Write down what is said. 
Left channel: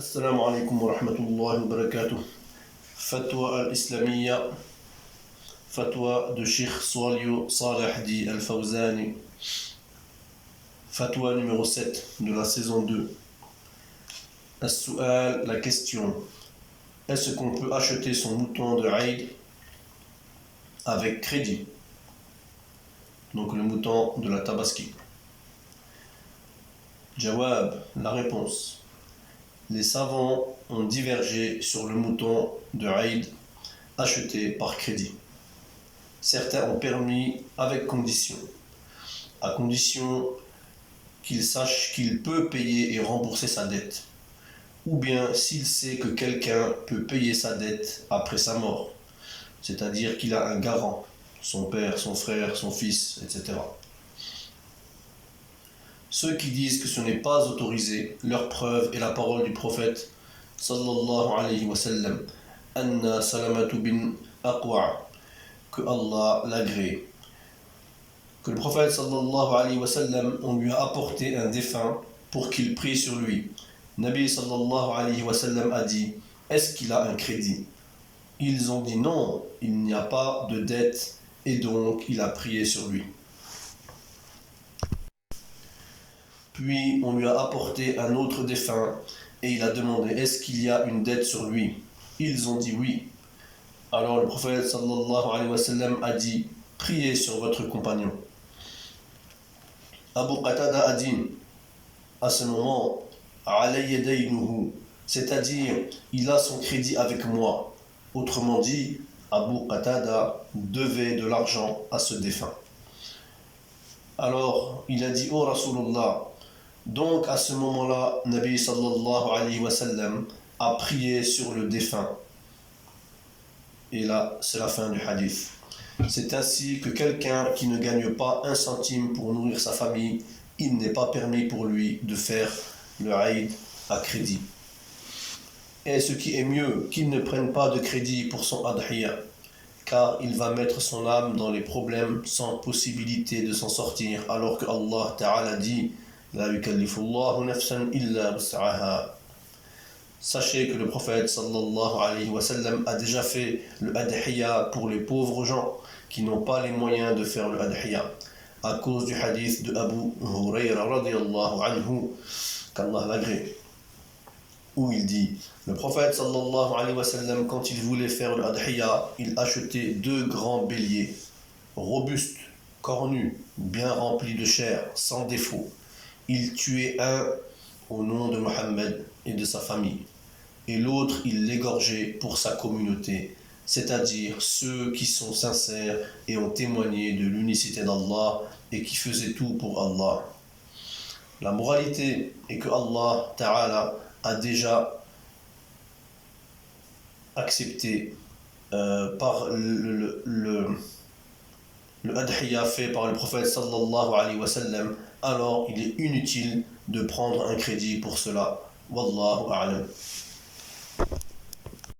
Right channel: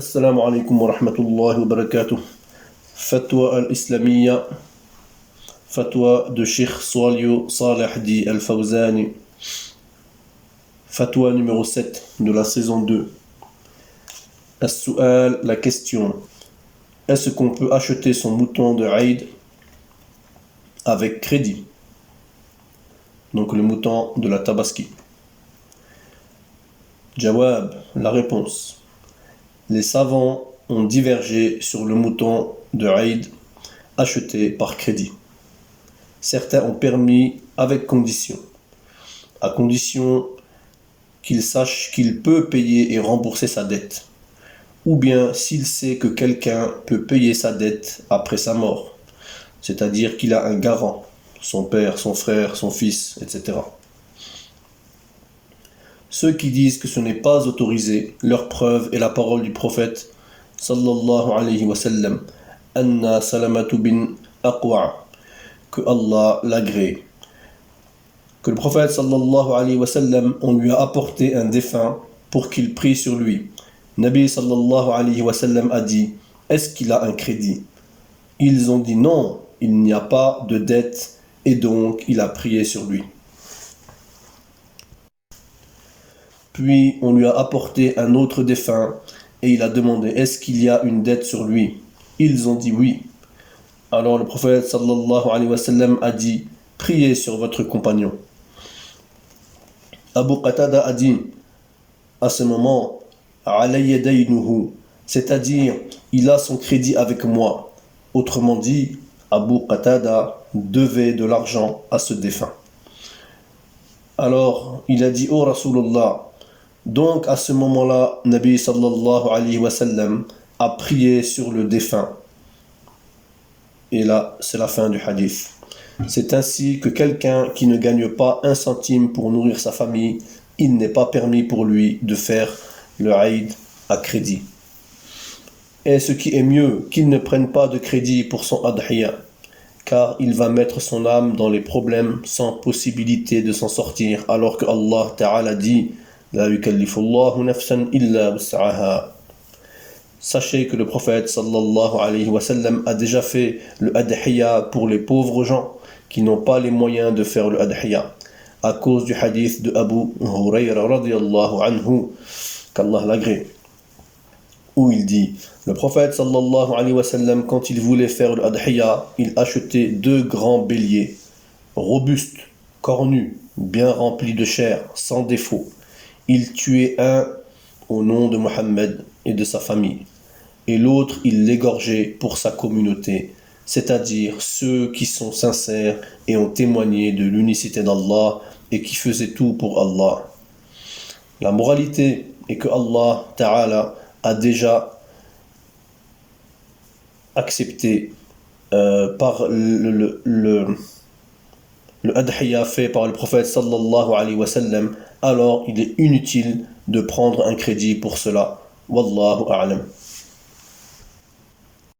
Assalamu alaikum wa rahmatullahi wa barakatuh. Fatwa al-Islamiyya, fatwa de Sheikh Swalio Saleh Di Al-Fawzani, fatwa numéro 7 de la saison 2. As-Su'al, la question. Est-ce qu'on peut acheter son mouton de Eid avec crédit? Donc le mouton de la Tabaski. Jawab, la réponse. Les savants ont divergé sur le mouton de Eid acheté par crédit. Certains ont permis avec condition, à condition qu'il sache qu'il peut payer et rembourser sa dette, ou bien s'il sait que quelqu'un peut payer sa dette après sa mort, c'est-à-dire qu'il a un garant, son père, son frère, son fils, etc. Ceux qui disent que ce n'est pas autorisé, leur preuve est la parole du prophète sallallahu alayhi wa sallam, Anna Salamatu bin Aqwa, que Allah l'agrée. Que le prophète sallallahu alayhi wa sallam, on lui a apporté un défunt pour qu'il prie sur lui. Nabi sallallahu alayhi wa sallam a dit, est-ce qu'il a un crédit? Ils ont dit non, il n'y a pas de dette et donc il a prié sur lui. Puis on lui a apporté un autre défunt et il a demandé est-ce qu'il y a une dette sur lui? Ils ont dit oui. Alors le prophète sallallahu alayhi wa sallam a dit priez sur votre compagnon. Abu Qatada a dit à ce moment alayya daynuhu, c'est-à-dire il a son crédit avec moi. Autrement dit, Abu Qatada devait de l'argent à ce défunt. Alors il a dit oh Rasulullah. Donc à ce moment-là, Nabi sallallahu alayhi wa sallam a prié sur le défunt. Et là, c'est la fin du hadith. C'est ainsi que quelqu'un qui ne gagne pas un centime pour nourrir sa famille, il n'est pas permis pour lui de faire le Eid à crédit. Et ce qui est mieux, qu'il ne prenne pas de crédit pour son adhiya, car il va mettre son âme dans les problèmes sans possibilité de s'en sortir, alors que Allah Ta'ala dit La yukallifullahu nafsan illa wus'aha. Sachez que le prophète sallallahu alayhi wa sallam a déjà fait le adhiya pour les pauvres gens qui n'ont pas les moyens de faire le adhiya, à cause du hadith de Abu Hurayra radiyallahu anhu, qu'Allah l'agrée, où il dit le prophète sallallahu alayhi wa sallam, quand il voulait faire le adhiya, il achetait 2 grands béliers, robustes, cornus, bien remplis de chair, sans défaut. Il tuait un au nom de Mohammed et de sa famille, et l'autre il l'égorgeait pour sa communauté, c'est-à-dire ceux qui sont sincères et ont témoigné de l'unicité d'Allah et qui faisaient tout pour Allah. La moralité est que Allah Ta'ala a déjà accepté par le adhiya fait par le prophète sallallahu alayhi wa sallam, alors il est inutile de prendre un crédit pour cela. Wallahu a'lam.